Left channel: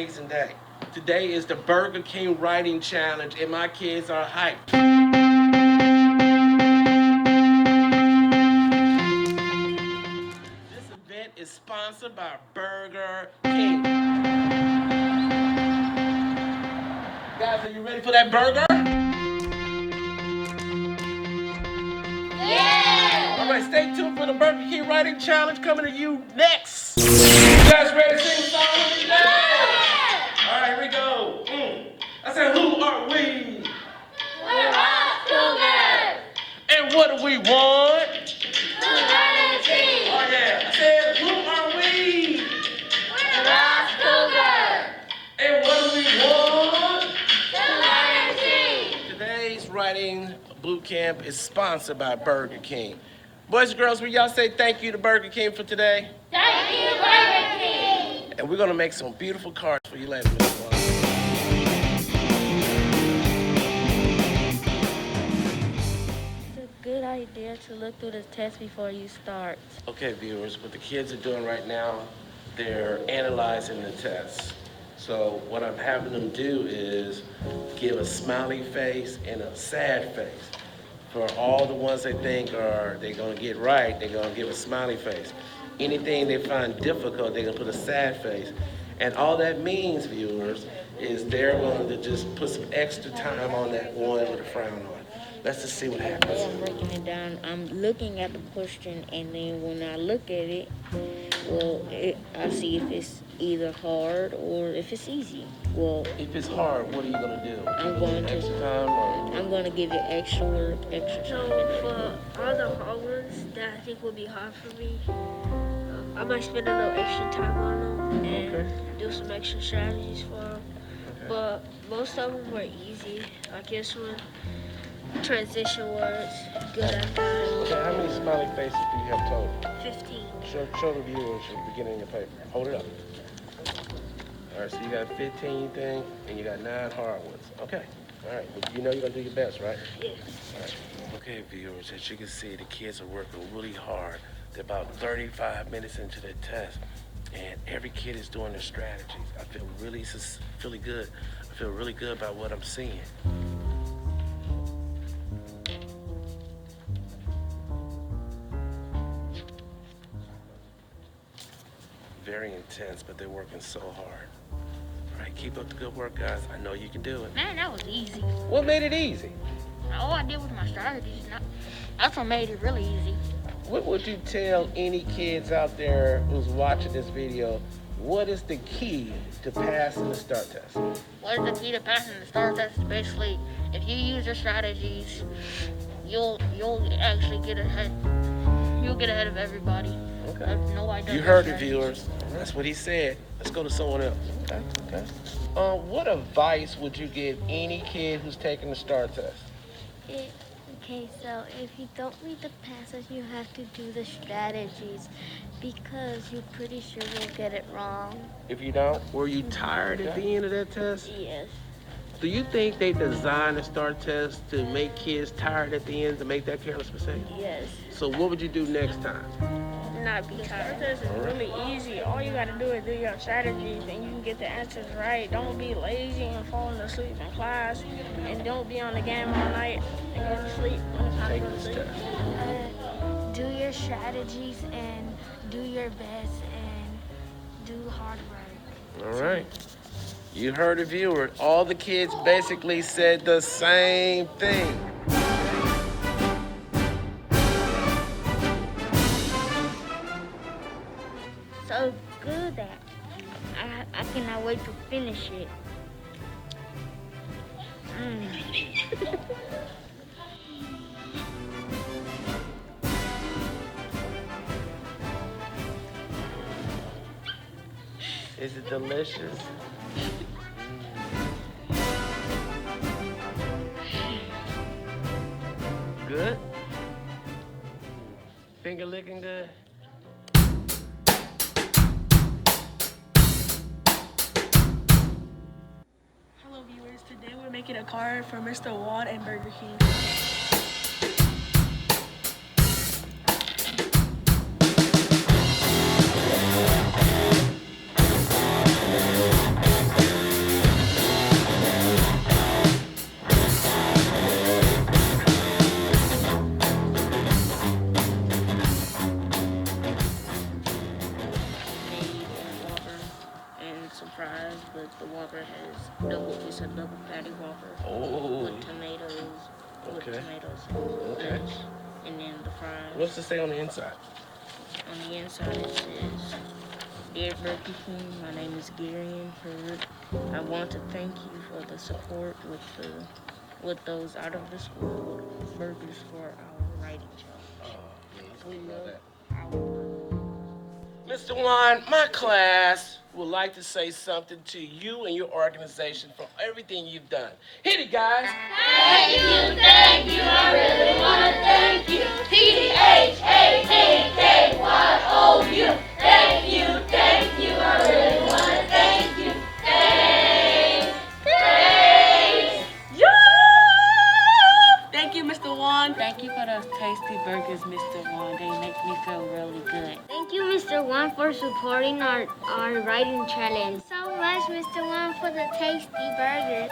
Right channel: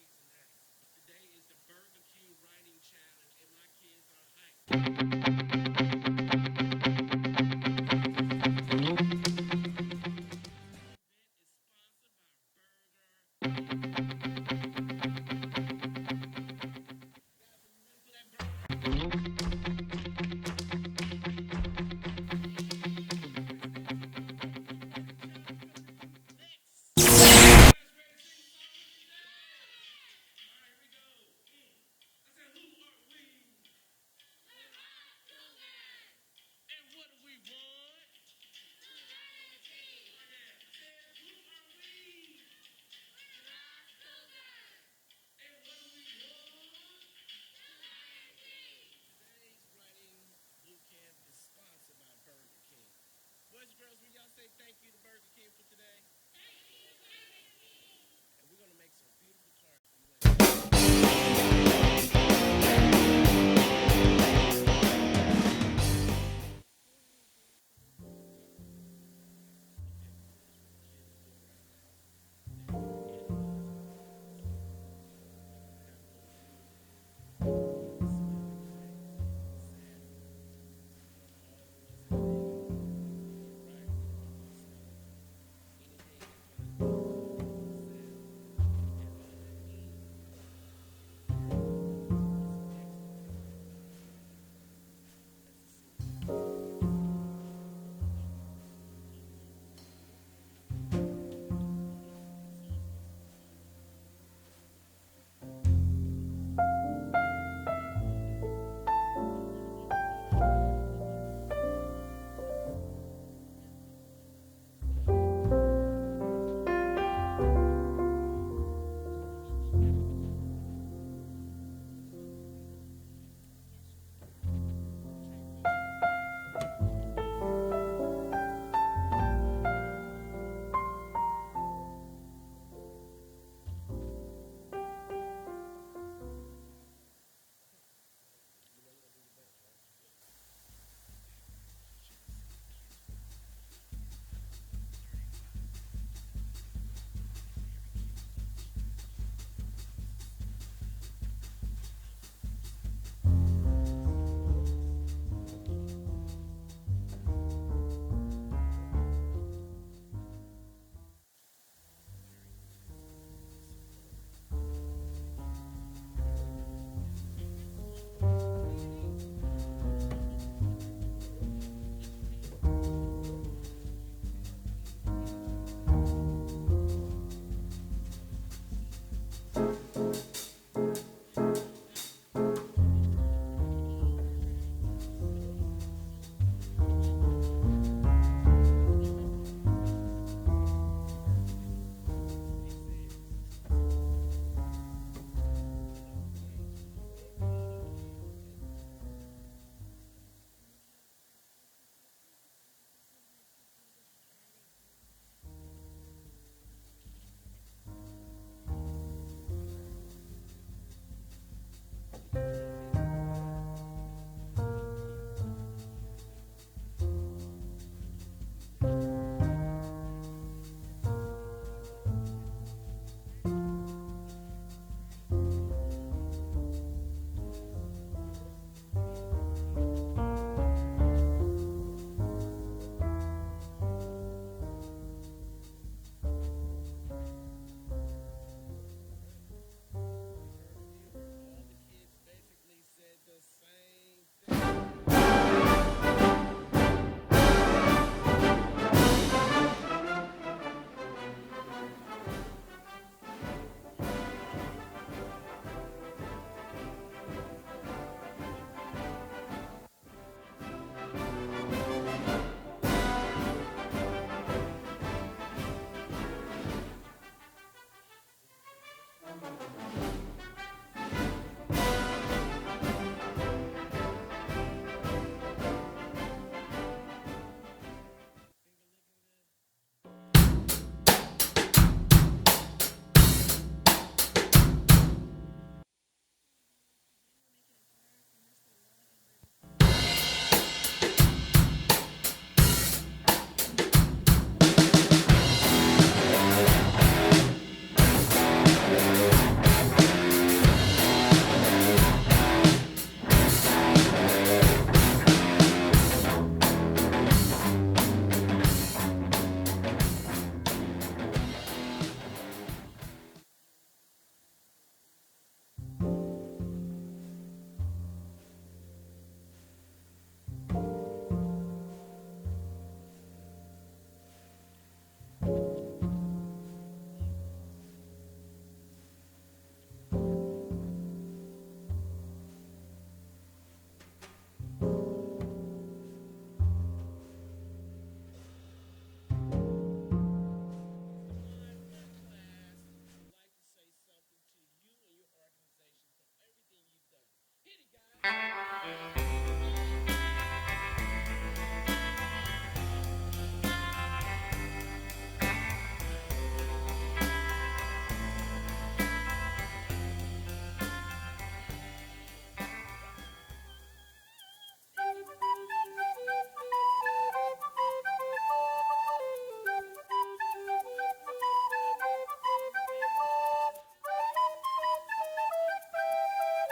amazing day. Today is the Burger King Writing Challenge, and my kids are hyped. This event is sponsored by Burger King. Guys, are you ready for that burger? Yeah! All right, stay tuned for the Burger King Writing Challenge coming to you next. You guys ready to sing a song with me? Yeah! All right, here we go. I said, who are we? We're all cougars! And what do we want? To learn and teach! Oh yeah. I said, who are we? We're all cougars! And what do we want? To learn and teach! Today's writing boot camp is sponsored by Burger King. Boys and girls, will y'all say thank you to Burger King for today? Thank you, Burger King! And we're gonna make some beautiful cards for you later. Good idea to look through the test before you start. Okay, viewers, what the kids are doing right now, they're analyzing the test. So what I'm having them do is give a smiley face and a sad face. For all the ones they think they're gonna get right, they're gonna give a smiley face. Anything they find difficult, they're gonna put a sad face. And all that means, viewers, is they're going to just put some extra time on that one with a frown on. Let's just see what happens. I'm breaking it down. I'm looking at the question, and then when I look at it, I see if it's either hard or if it's easy. Well, if it's hard, what are you going to do? I'm going to extra time or? I'm going to give it extra work, extra So time. for all the hard ones that I think will be hard for me, I might spend a little extra time on them and do some extra strategies for them. But most of them were easy. Like this one, transition words, good at that. Okay, how many smiley faces do you have total? 15. Show the viewers at the beginning of your paper. Hold it up. All right, so you got 15 things and you got 9 hard ones. Okay, all right. But you know you're going to do your best, right? Yeah. All right. Okay, viewers, as you can see, the kids are working really hard. They're about 35 minutes into their test, and every kid is doing their strategies. I feel really good. I feel really good about what I'm seeing. Very intense, but they're working so hard. All right, keep up the good work, guys. I know you can do it. Man, that was easy. What made it easy? All I did was my strategies. That's what made it really easy. What would you tell any kids out there who's watching this video? What is the key to passing the STAAR test? What is the key to passing the STAAR test? Basically, if you use your strategies, you'll actually get ahead. You'll get ahead of everybody. Okay. You heard it, viewers. That's what he said. Let's go to someone else. Okay. What advice would you give any kid who's taking the STAAR test? Okay, so if you don't read the passage, you have to do the strategies because you're pretty sure you'll get it wrong. If you don't, were you tired at the end of that test? Yes. Do you think they designed the STAAR test to make kids tired at the end, to make that careless mistake? Yes. So what would you do next time? Not be tired. This is really easy. All you gotta do is do your strategies and you can get the answers right. Don't be lazy and falling asleep in class. And don't be on the game all night and go to sleep when it's time to go to sleep. Do your strategies and do your best and do hard work. All right. You heard the viewer. All the kids basically said the same thing. So good that I cannot wait to finish it. Is it delicious? Good? Finger licking good? Hello viewers, today we're making a card for Mr. Wad and Burger King. tomatoes and Okay. lettuce, and then the fries. What's it say on the inside? On the inside it says, "Dear Burger King, my name is Gary Hurd. I want to thank you for the support with those out of the school burgers for our writing challenge. We love Mr. Juan, my class would like to say something to you and your organization for everything you've done. Hit it, guys. Thank you, I really want to thank you. THANKYOU. Thank you, I really want to thank you. Thanks. Thank you, Mr. Juan. Thank you for those tasty burgers, Mr. Juan. They make me feel really good. Thank you, Mr. Juan, for supporting our writing challenge. So much, Mr. Juan, for the tasty burgers.